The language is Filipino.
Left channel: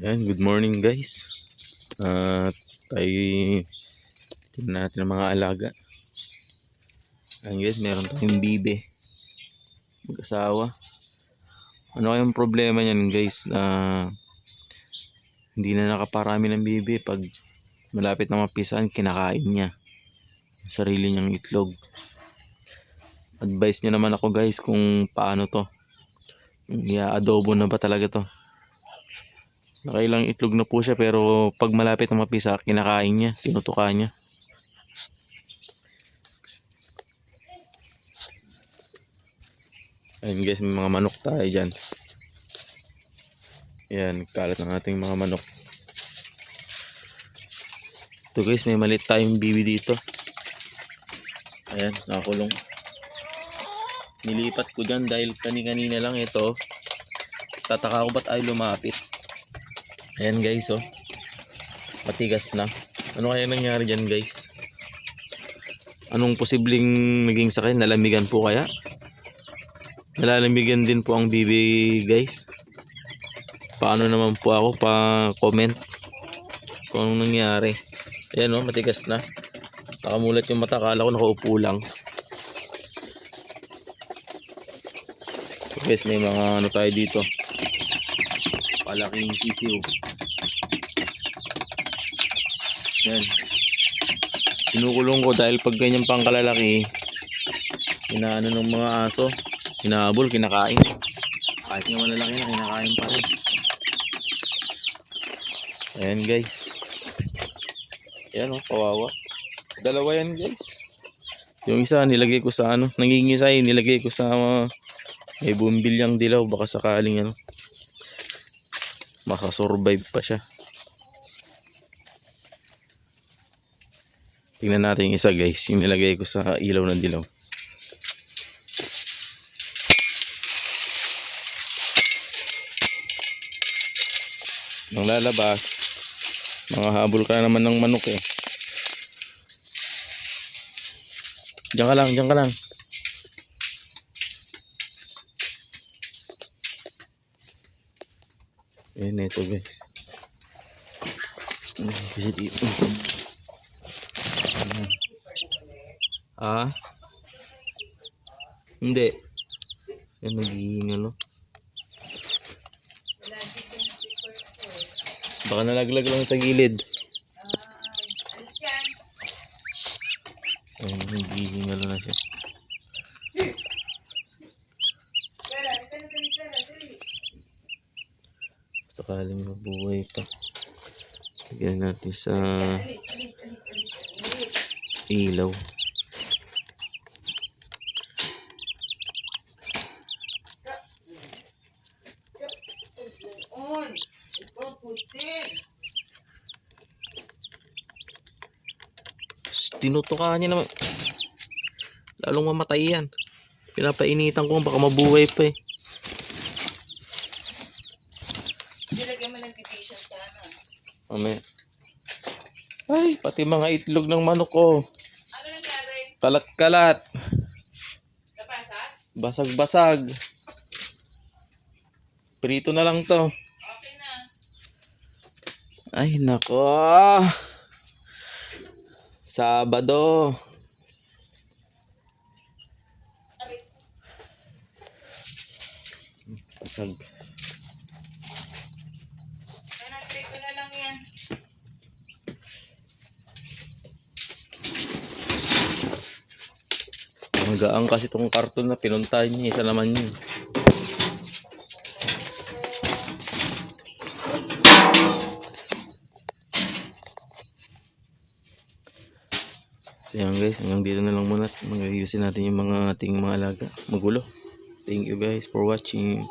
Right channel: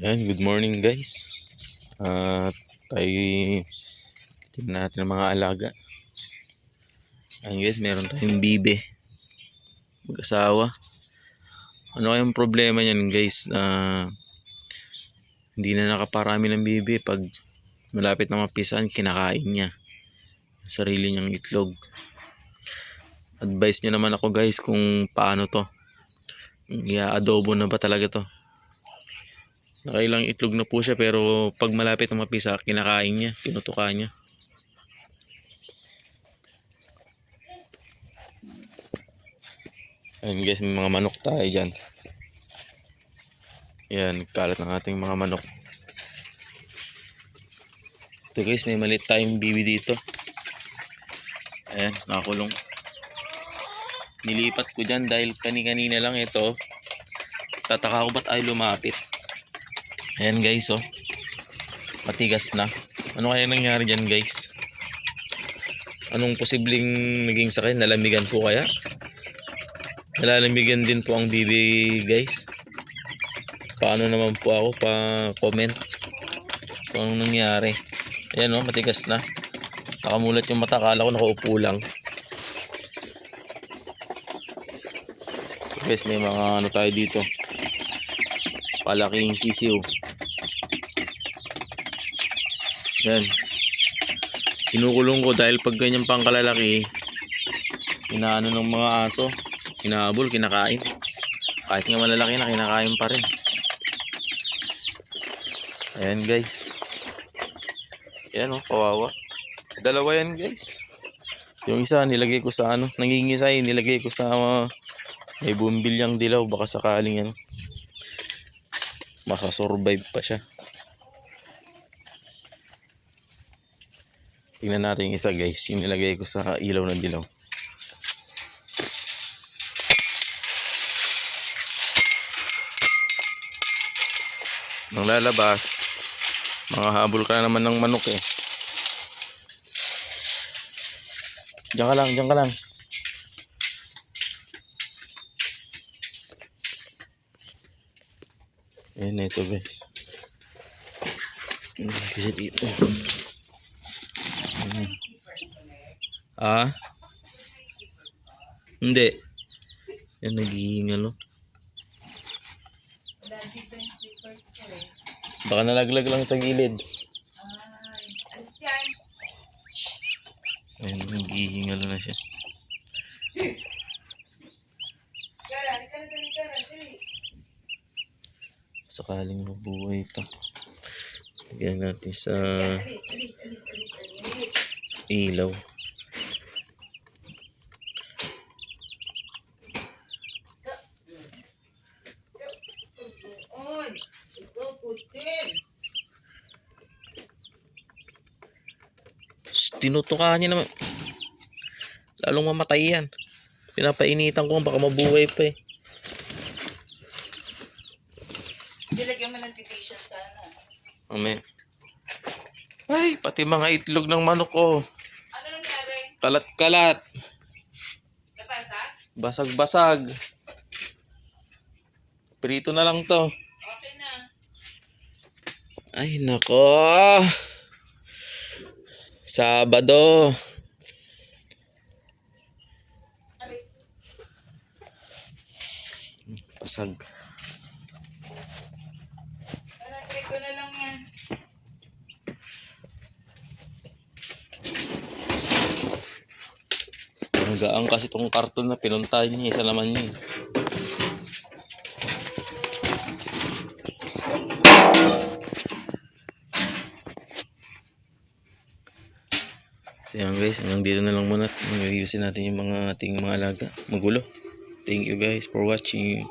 Ayan, good morning guys. Tayo tingnan natin ang mga alaga. Ayan guys, meron tayong bibe, mag-asawa. Ano kayang problema niyan guys, hindi na nakaparami ng bibe. Pag malapit na mapisan, kinakain niya yung sarili niyang itlog. Advice niyo naman ako guys kung paano to, i-adobo na ba talaga to. Nakailang itlog na po siya, pero pag malapit na mapisa, kinakain niya, tinutuka niya. Ayun guys, may mga manok tayo dyan. Ayan, kalat ng ating mga manok. Ito guys, may maliit tayong bibi dito. Ayan, nakakulong. Nilipat ko dyan dahil kanina lang ito. Tataka ko ba't ay lumapit. Ayan guys, oh. Matigas na. Ano kaya nangyari dyan guys? Anong posibleng naging sakit? Nalamigan po kaya? Nalalamigan din po ang bibi guys. Paano naman po ako? Pa-comment kung anong nangyari. Ayan oh, matigas na. Nakamulat yung mata. Akala ko nakaupo lang. So guys, may mga ano tayo dito. Palaking sisiw. Yan. Kinukulong ko dahil pag ganyan pang kalalaki, inaano ng mga aso, inaabol, kinakain. Kahit nga malalaki na, kinakain pa rin. Ayan guys. Ayan oh, kawawa. Dalawa yan guys. Yung isa nilagay ko sa ano, nangingisay, nilagay ko sa may bumbilyang dilaw, baka sakaling ano, makasurvive pa siya. Tingnan natin yung isa guys, yung nilagay ko sa ilaw ng dilaw. Nang lalabas, mga habol ka na naman ng manok eh. Diyan ka lang, diyan ka lang. Ayan na ito guys. Kasi dito. Ah? Hindi. Yan, naghihingalo. Baka nalaglag lang sa gilid. Ayan, naghihingalo na siya. Sakaling mabuhay ito. Lagyan natin sa ilaw. Tinutukan niya naman. Lalong mamatay yan. Pinapainitan ko baka mabuhay pa eh. Dilagyan mo ng titisyon sana. Ame. Ay, pati mga itlog ng manok ko. Ano nangyari? Kalat-kalat. Napasa? Basag-basag. Prito na lang to. Okay na. Ay, nako. Sabado. Basag. Prito na lang yan. Ang gaang kasi itong karton na pinuntahan niya. Isa naman yun. Yan guys, hanggang dito na lang muna. Mag-ayusin natin yung mga ating mga alaga. Magulo. Thank you guys for watching.